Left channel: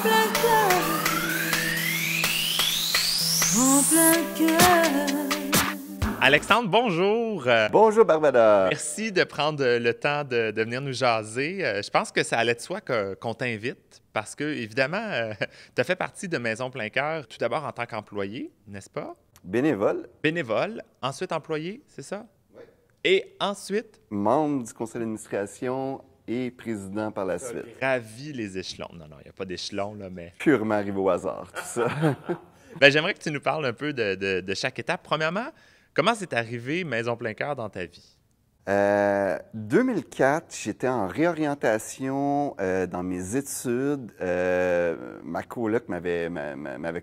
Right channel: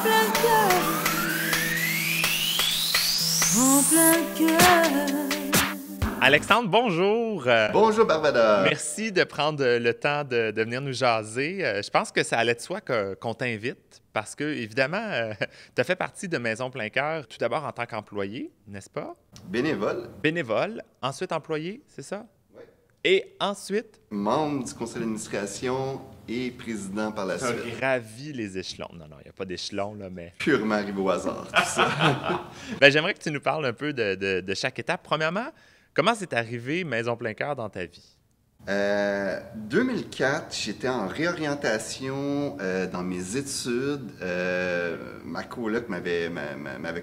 plein cœur, en plein cœur. Alexandre, bonjour. Bonjour Barbada. Merci de prendre le temps de venir nous jaser. Je pense que ça allait de soi qu'on t'invite parce que, évidemment, tu as fait partie de Maison Plein Cœur, tout d'abord en tant qu'employé, n'est-ce pas? Bénévole. Bénévole, ensuite employé, c'est ça? Oui. Et ensuite? Membre du conseil d'administration et président par la suite. Gravi les échelons. Non, il n'y a pas d'échelon, là, mais... Purement arrivé au hasard, tout ça. Bien, j'aimerais que tu nous parles un peu de chaque étape. Premièrement, comment c'est arrivé Maison Plein Cœur dans ta vie? 2004, j'étais en réorientation dans mes études. Ma coloc m'avait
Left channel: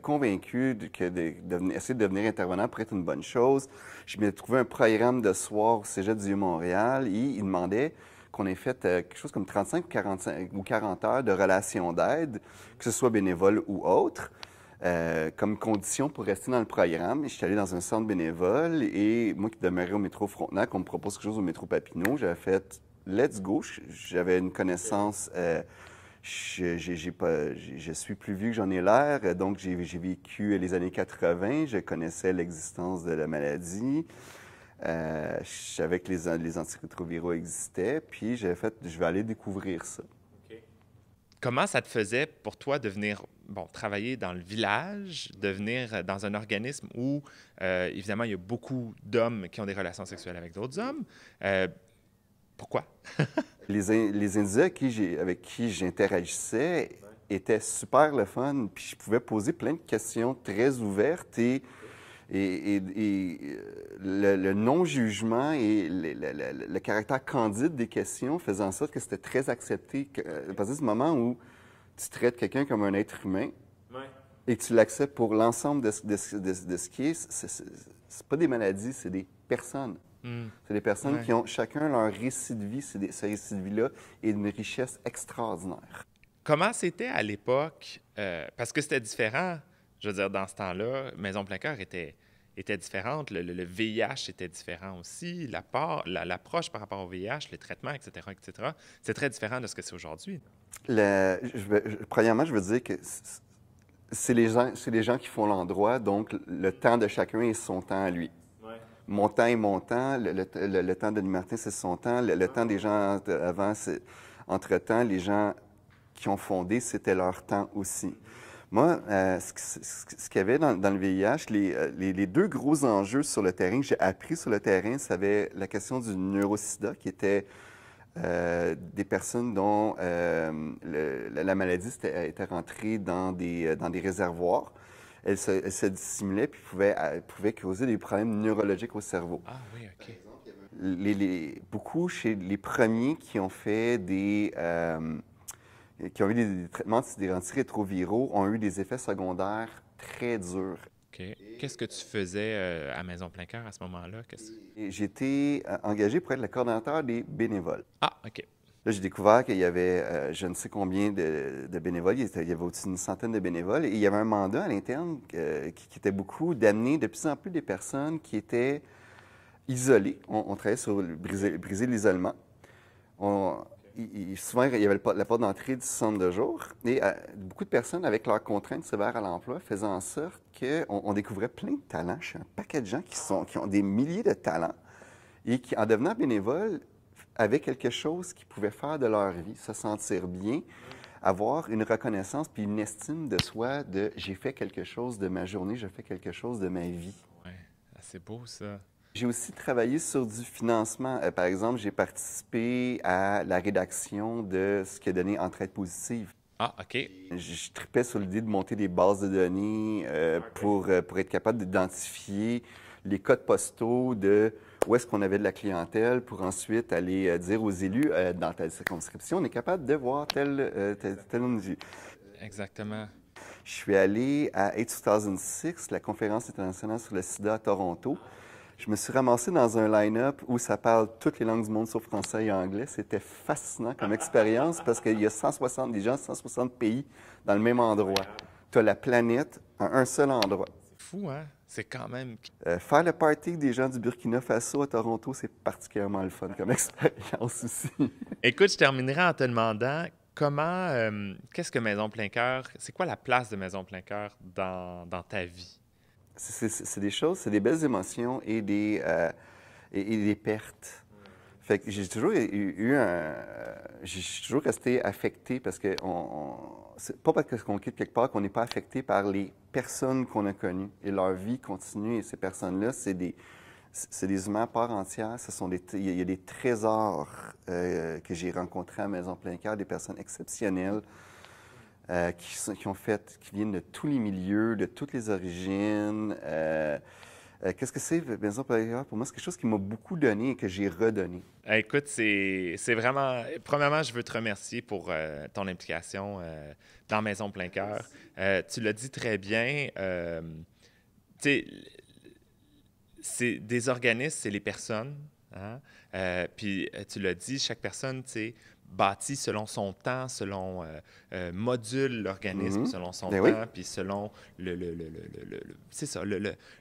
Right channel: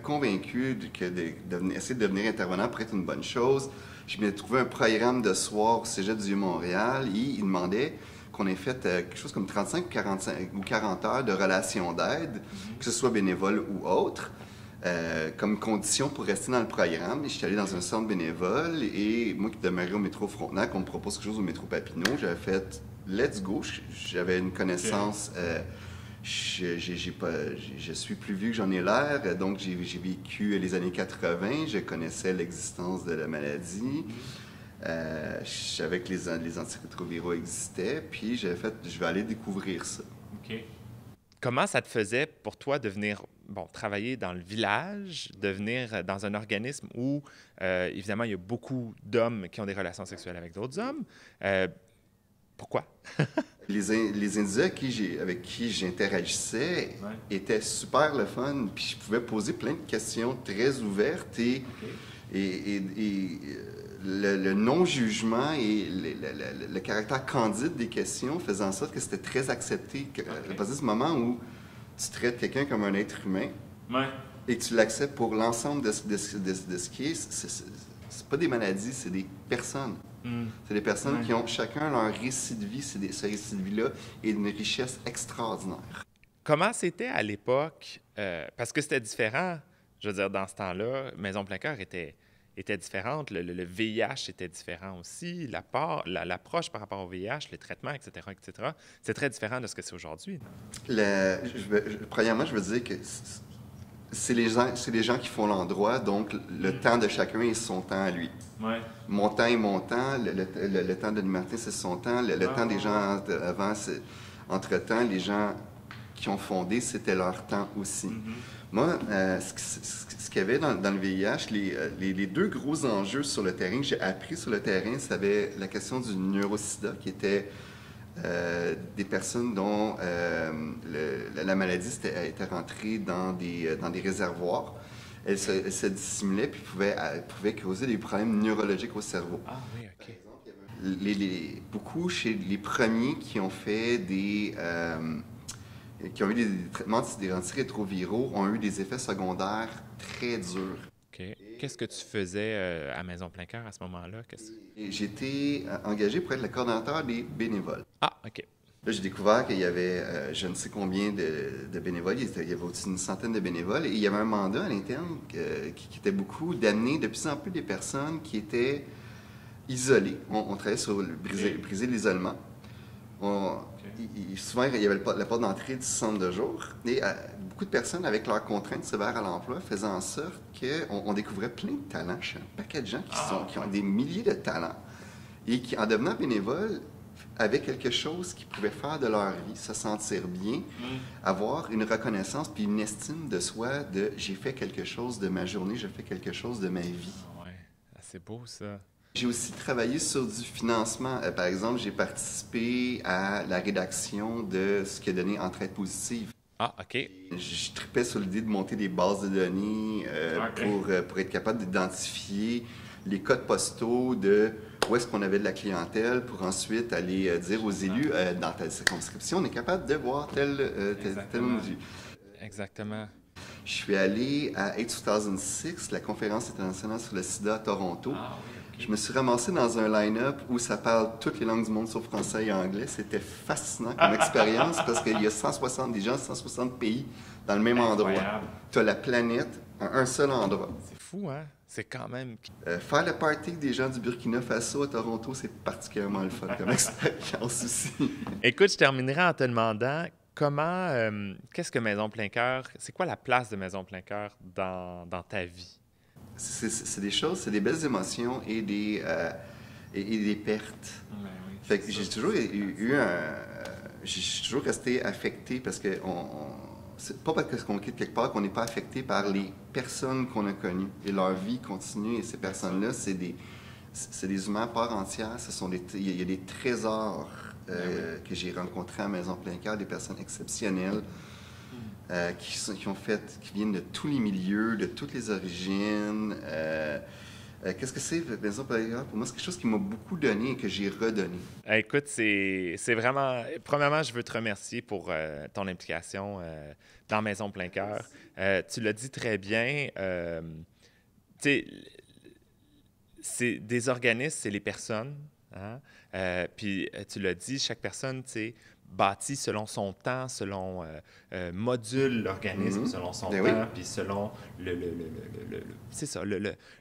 convaincu essayer de devenir intervenant pour être une bonne chose. Je m'ai trouvé un programme de soir au Cégep du Vieux-Montréal et il demandait qu'on ait fait quelque chose comme 35 ou 40 heures de relations d'aide, que ce soit bénévole ou autre. Comme condition pour rester dans le programme. Je suis allé dans un centre bénévole et moi qui demeurais au métro Frontenac, on me propose quelque chose au métro Papineau. J'avais fait « let's go ». J'avais une connaissance, je suis plus vieux que j'en ai l'air, donc j'ai vécu les années 80, je connaissais l'existence de la maladie. Je savais que les antirétroviraux existaient, puis j'avais fait « je vais aller découvrir ça ». Comment ça te faisait pour toi de venir travailler dans le village, de venir dans un organisme où, évidemment, il y a beaucoup d'hommes qui ont des relations sexuelles avec d'autres hommes? Pourquoi? Les individus avec qui j'interagissais étaient super le fun, puis je pouvais poser plein de questions très ouvertes et le non-jugement et le caractère candide des questions faisaient en sorte que c'était très accepté. À partir du moment où tu traites quelqu'un comme un être humain et que tu l'acceptes pour l'ensemble de ce qui est, c'est pas des maladies, c'est des personnes. C'est des personnes qui ont chacun leur récit de vie. Ce récit de vie-là est d'une richesse extraordinaire. Comment c'était à l'époque? Parce que c'était différent. Je veux dire, dans ce temps-là, Maison Plein Cœur était différente. Le VIH était différent aussi. L'approche par rapport au VIH, les traitements, etc., etc. C'est très différent de ce que c'est aujourd'hui. Premièrement, je veux dire que c'est les gens qui font l'endroit, donc le temps de chacun est son temps à lui. Ouais. Mon temps est mon temps, le temps de Martin, c'est son temps, le temps des gens avant, entre-temps, les gens qui ont fondé, c'était leur temps aussi. Moi, ce qu'il y avait dans le VIH, les deux gros enjeux sur le terrain que j'ai appris sur le terrain, c'était la question du neurosida, qui était des personnes dont la maladie était rentrée dans des réservoirs. Elle se dissimulait puis pouvait causer des problèmes neurologiques au cerveau. Ah oui, OK. Par exemple, beaucoup chez les premiers qui ont fait qui ont eu des traitements antirétroviraux ont eu des effets secondaires très durs. OK. Qu'est-ce que tu faisais à Maison Plein Cœur à ce moment-là? J'étais engagé pour être le coordonnateur des bénévoles. Ah, OK. Là, j'ai découvert qu'il y avait je ne sais combien de bénévoles. Il y avait au-dessus d'une centaine de bénévoles. Et il y avait un mandat à l'interne qui était beaucoup d'amener de plus en plus des personnes qui étaient isolées. On travaillait sur briser l'isolement. Souvent, il y avait la porte d'entrée du centre de jour. Et beaucoup de personnes, avec leurs contraintes sévères à l'emploi, faisaient en sorte qu'on découvrait plein de talents chez un paquet de gens qui ont des milliers de talents et qui, en devenant bénévoles, avaient quelque chose qu'ils pouvaient faire de leur vie, se sentir bien, avoir une reconnaissance puis une estime de soi de « j'ai fait quelque chose de ma journée, j'ai fait quelque chose de ma vie ». Oui, c'est beau ça. J'ai aussi travaillé sur du financement. Par exemple, j'ai participé à la rédaction de ce qui a donné Entraide positive. Ah, OK. Je tripais sur l'idée de monter des bases de données pour être capable d'identifier les codes postaux de où est-ce qu'on avait de la clientèle pour ensuite aller dire aux élus dans telle circonscription, on est capable de voir tel individu. Exactement. Je suis allé à AIDS 2006, la conférence internationale sur le sida à Toronto. Je me suis ramassé dans un line-up où ça parle toutes les langues du monde sauf français et anglais. C'était fascinant comme expérience parce qu'il y a 160 gens, 160 pays dans le même endroit. Tu as la planète à un seul endroit. C'est fou, hein? C'est quand même... Faire le party avec des gens du Burkina Faso à Toronto, c'est particulièrement le fun comme expérience aussi. Écoute, je terminerai en te demandant comment, qu'est-ce que Maison Plein Cœur, c'est quoi la place de Maison Plein Cœur dans ta vie? C'est des choses, c'est des belles émotions et des pertes. Fait que j'ai toujours j'ai toujours resté affecté parce que c'est pas parce qu'on quitte quelque part qu'on n'est pas affecté par les personnes qu'on a connues et leur vie continue. Et ces personnes-là, c'est des humains à part entière. Il y a des trésors que j'ai rencontrés à Maison Plein Cœur, des personnes exceptionnelles qui viennent de tous les milieux, de toutes les origines. Qu'est-ce que c'est, Maison Plein Cœur? Pour moi, c'est quelque chose qui m'a beaucoup donné et que j'ai redonné. Écoute, c'est vraiment... Premièrement, je veux te remercier pour ton implication dans Maison Plein Cœur. Tu l'as dit très bien. Tu sais, c'est des organismes, c'est les personnes. Hein? Puis tu l'as dit, chaque personne, tu sais, bâtit selon son temps, module l'organisme selon son temps, puis selon c'est ça,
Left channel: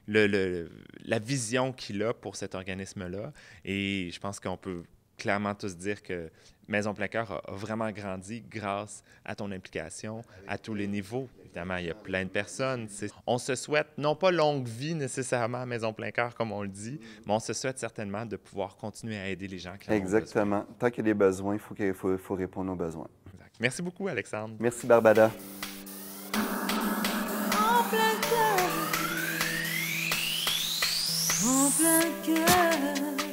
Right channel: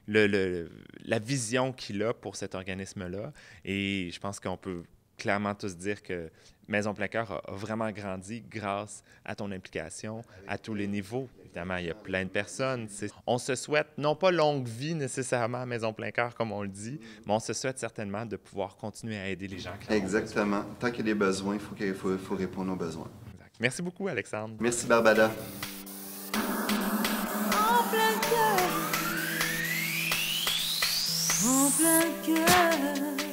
la vision qu'il a pour cet organisme-là. Et je pense qu'on peut clairement tous dire que Maison Plein Cœur a vraiment grandi grâce à ton implication à tous les niveaux. Évidemment, il y a plein de personnes. On se souhaite, non pas longue vie nécessairement à Maison Plein Cœur, comme on le dit, mais on se souhaite certainement de pouvoir continuer à aider les gens qui en ont besoin. Exactement. Tant qu'il y a des besoins, il faut répondre aux besoins. Exact. Merci beaucoup, Alexandre. Merci, Barbada. En plein cœur, en plein cœur.